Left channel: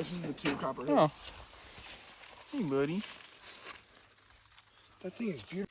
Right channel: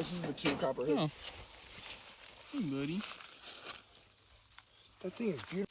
this is the 2 copperhead. Oh. Hey, buddy. That thing is beautiful.